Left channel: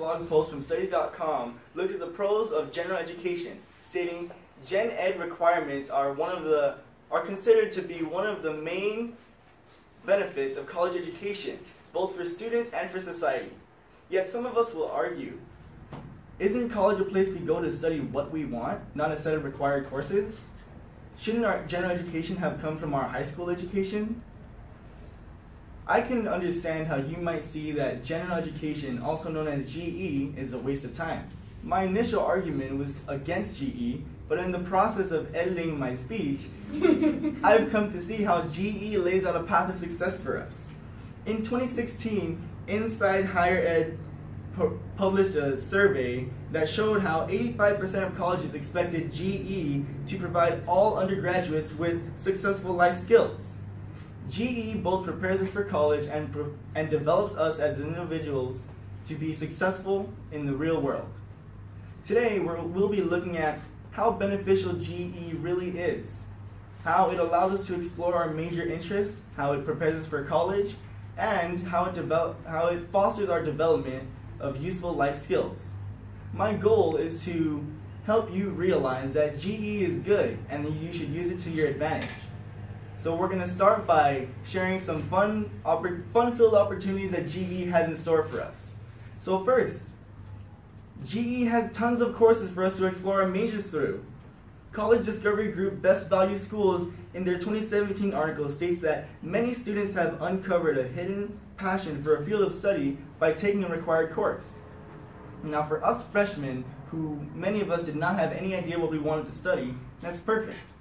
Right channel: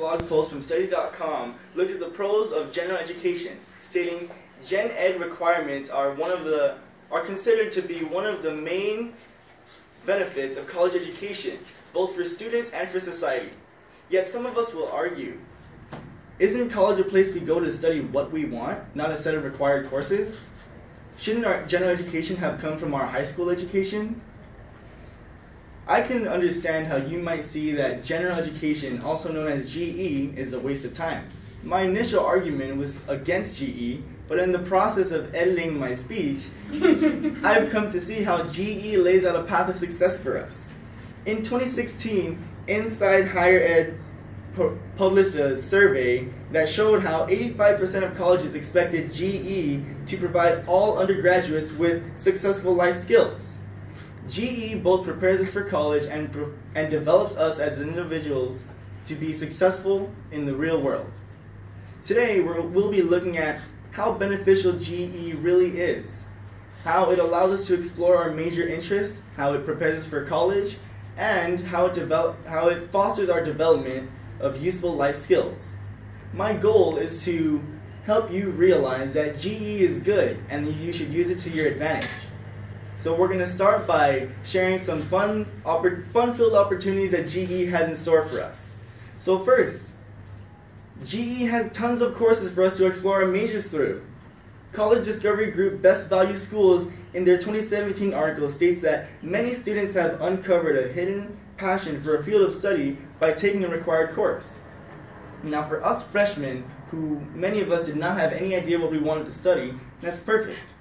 Blog post from study.com looked at the pros of general education, stating gen ed requirements are considered to be one of the main benefits of college education, both for students and for society. Yet some of us will argue, isn't college a place we go to study what we want, not a set of required courses? Shouldn't our general education have come from our high school education? I can understand how you might see that general education, also known as GE, is a waste of time. My initial argument was against GE, but in the process of editing my speech, I've come to see how GE lays out a path of success for us. In 2016, Inside Higher Ed published a survey that showed how 85% of colleges expected GE to provide all undergraduates with successful life skills. GE both prepares us for college and develops us as individuals to be successful in the real world. Today, we'll be looking at how beneficial GE really is, how it allows us to explore our major interests, how it prepares us for college, and how it fosters our development of useful life skills. My goal is to help you realize that GE is good and that you should use it to your advantage. So we're going to start by sharing some fun-filled opportunities that GE has in store for us. So first, GE has tons of courses for us to explore our majors through. College Discovery Group Best Value Schools in their 2017 article states that many students have uncovered a hidden passion for a field of study by taking a required course. Now for us freshmen, who many of us did not have any idea what we wanted to study, that's perfect.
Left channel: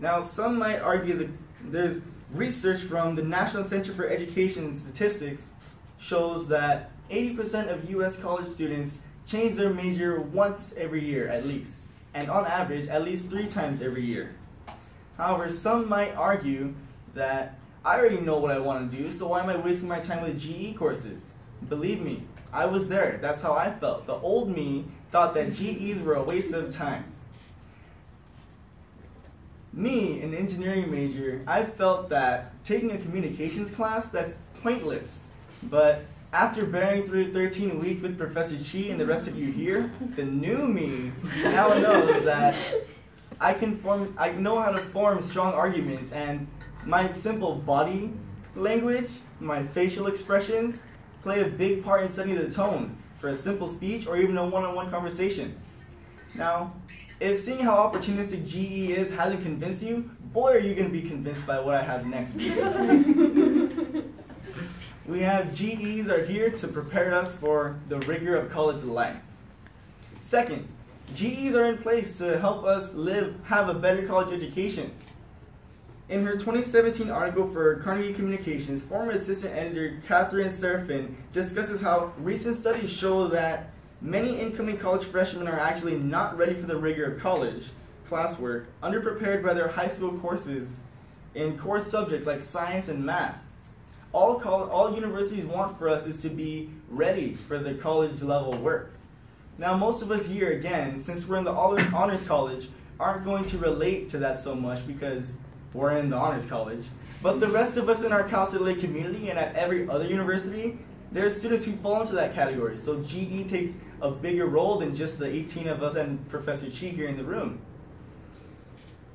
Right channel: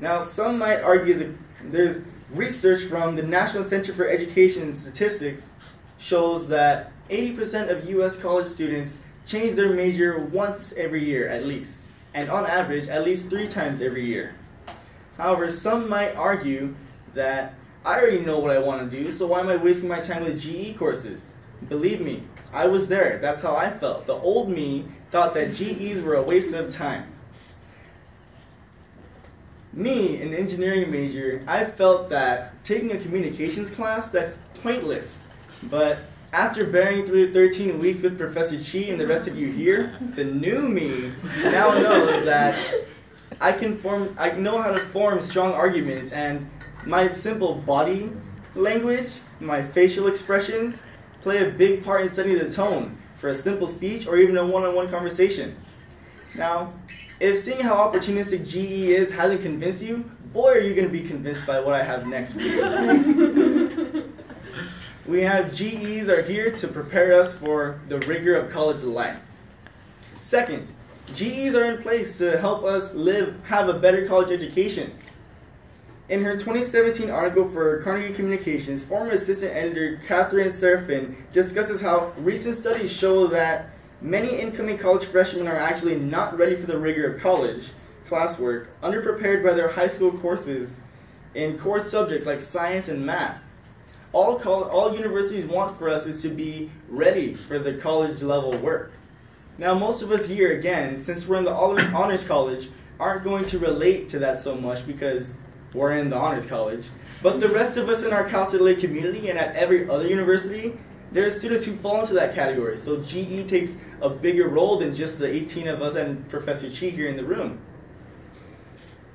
Now, some might argue that there's research from the National Center for Education and Statistics shows that 80% of U.S. college students change their major once every year at least, and on average, at least 3 times every year. However, some might argue that I already know what I want to do, so why am I wasting my time with GE courses? Believe me, I was there. That's how I felt. The old me thought that GEs were a waste of time. Me, an engineering major, I felt that taking a communications class, that's pointless. But after bearing through 13 weeks with Professor Chi and the rest of you here, the new me now knows that I know how to form strong arguments, and my simple body language, my facial expressions, play a big part in setting the tone for a simple speech or even a one-on-one conversation. Now, if seeing how opportunistic GE is hasn't convinced you, boy are you going to be convinced by what I have next week. We have GEs are here to prepare us for the rigor of college life. Second, GEs are in place to help us have a better college education. In her 2017 article for Carnegie Communications, former assistant editor Catherine Serafin discusses how recent studies show that many incoming college freshmen are actually not ready for the rigor of college classwork, underprepared by their high school courses in core subjects like science and math. All universities want for us is to be ready for the college level work. Now most of us here, again, since we're in the honors college, aren't going to relate to that so much because we're in the honors college. But the rest of us in our Cal State LA community and at every other university, there are students who fall into that category. So GE takes a bigger role than just the 18 of us and Professor Chi here in the room.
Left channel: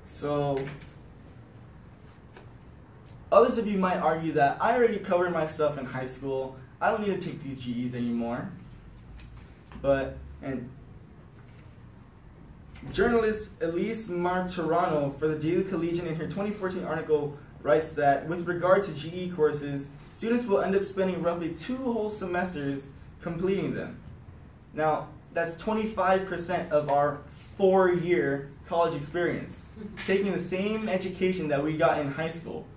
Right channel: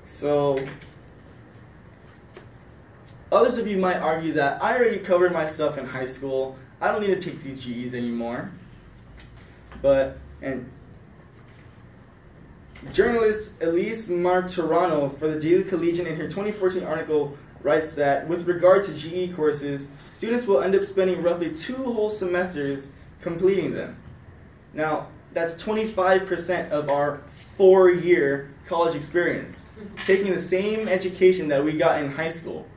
So others of you might argue that I already covered my stuff in high school. I don't need to take these GEs anymore. And journalist Elise Martorano for the Daily Collegian in her 2014 article writes that with regard to GE courses, students will end up spending roughly 2 whole semesters completing them. Now, that's 25% of our 4-year college experience, taking the same education that we got in high school.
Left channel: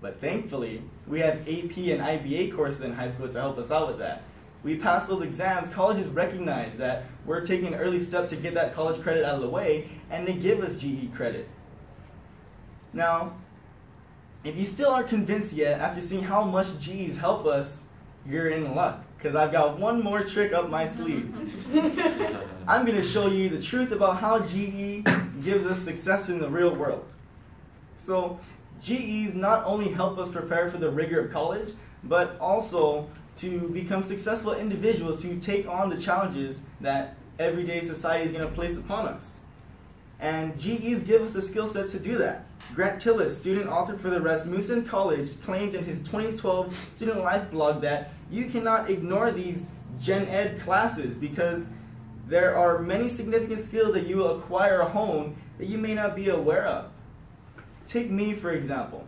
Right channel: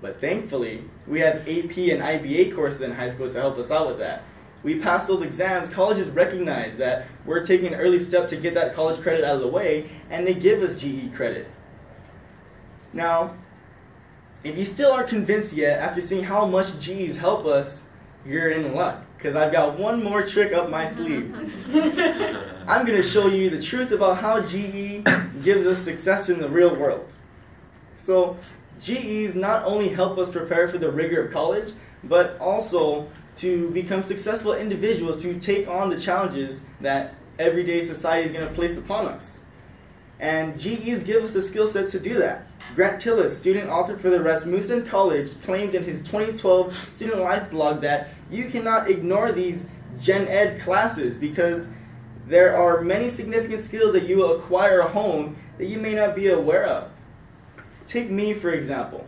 But thankfully, we have AP and IBA courses in high school to help us out with that. We pass those exams, colleges recognize that we're taking an early step to get that college credit out of the way, and they give us GE credit. Now, if you still aren't convinced yet after seeing how much GEs help us, you're in luck, because I've got one more trick up my sleeve. I'm going to show you the truth about how GE gives us success in the real world. So, GEs not only help us prepare for the rigor of college, but also to become successful individuals to take on the challenges that everyday society is going to place upon us. And GEs give us the skill sets to do that. Grant Tillis, student author for the Rasmussen College, claimed in his 2012 Student Life blog that you cannot ignore these Gen Ed classes because there are many significant skills that you will acquire at home that you may not be aware of. Take me, for example.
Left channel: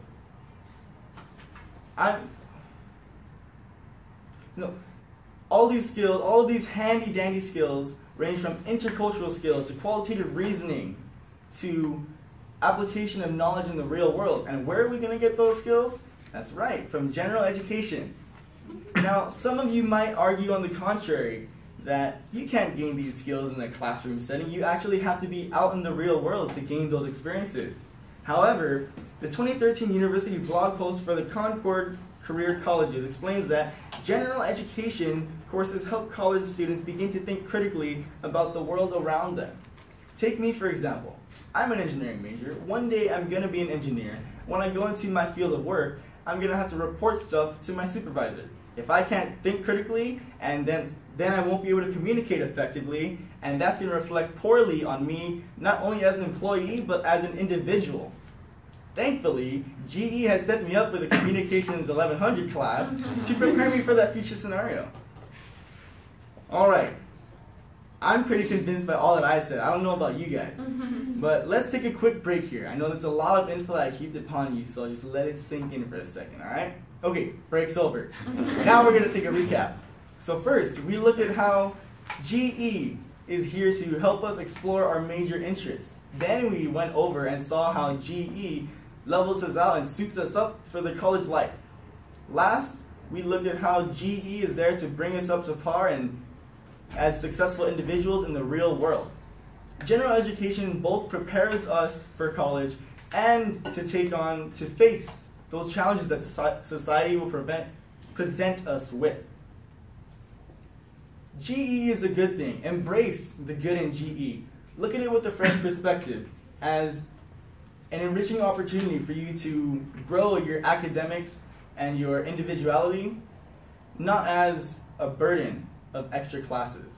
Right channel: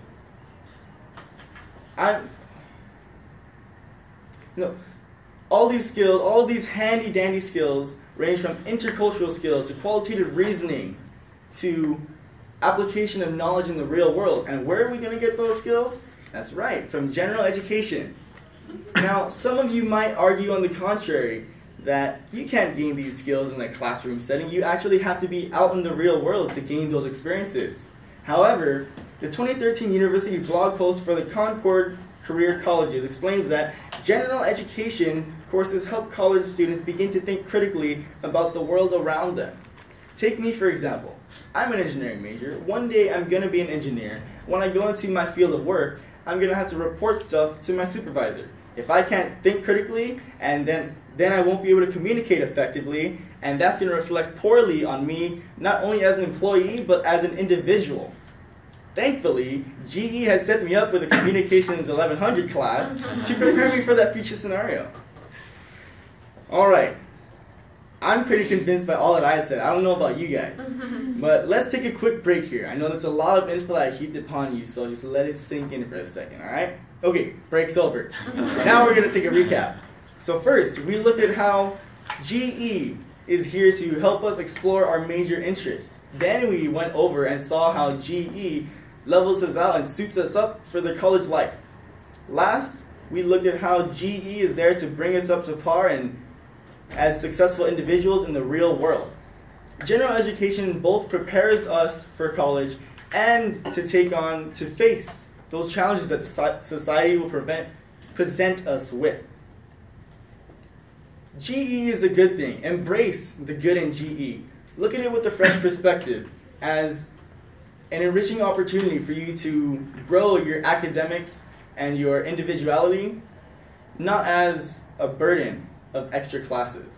All these skills, all these handy-dandy skills range from intercultural skills to qualitative reasoning to application of knowledge in the real world. And where are we going to get those skills? That's right, from general education. Now, some of you might argue on the contrary, that you can't gain these skills in a classroom setting. You actually have to be out in the real world to gain those experiences. However, the 2013 University blog post for the Concord Career Colleges explains that general education courses help college students begin to think critically about the world around them. Take me, for example. I'm an engineering major. One day I'm going to be an engineer. When I go into my field of work, I'm going to have to report stuff to my supervisor. If I can't think critically, and then I won't be able to communicate effectively, and that's going to reflect poorly on me, not only as an employee, but as an individual. Thankfully, GE has set me up with a Communications 1100 class to prepare me for that future scenario. All right. I'm pretty convinced by all that I said. I don't know about you guys. But let's take a quick break here. I know that's a lot of info that I heaped upon you, so just let it sink in for a second, all right? Okay, break's over. Now we're going to take a recap. So first, we looked at how GE is here to help us explore our major interests. Then we went over and saw how GE levels us out and suits us up for the college life. Last, we looked at how GE is there to bring us up to par and as successful individuals in the real world. General education both prepares us for college and to face those challenges that society will present us with. GE is a good thing. Embrace the good in GE. Look at it with a fresh perspective as an enriching opportunity for you to grow your academics and your individuality, not as a burden of extra classes.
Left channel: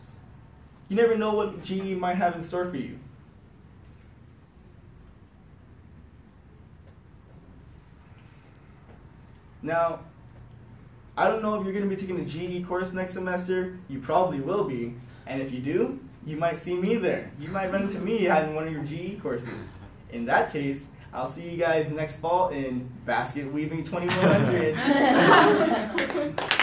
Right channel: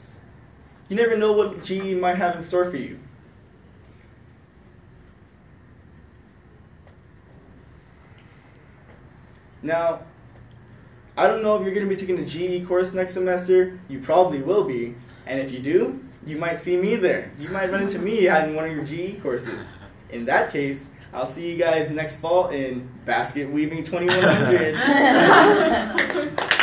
You never know what GE might have in store for you. Now, I don't know if you're going to be taking a GE course next semester. You probably will be. And if you do, you might see me there. You might run into me having one of your GE courses. In that case, I'll see you guys next fall in Basket Weaving 2100.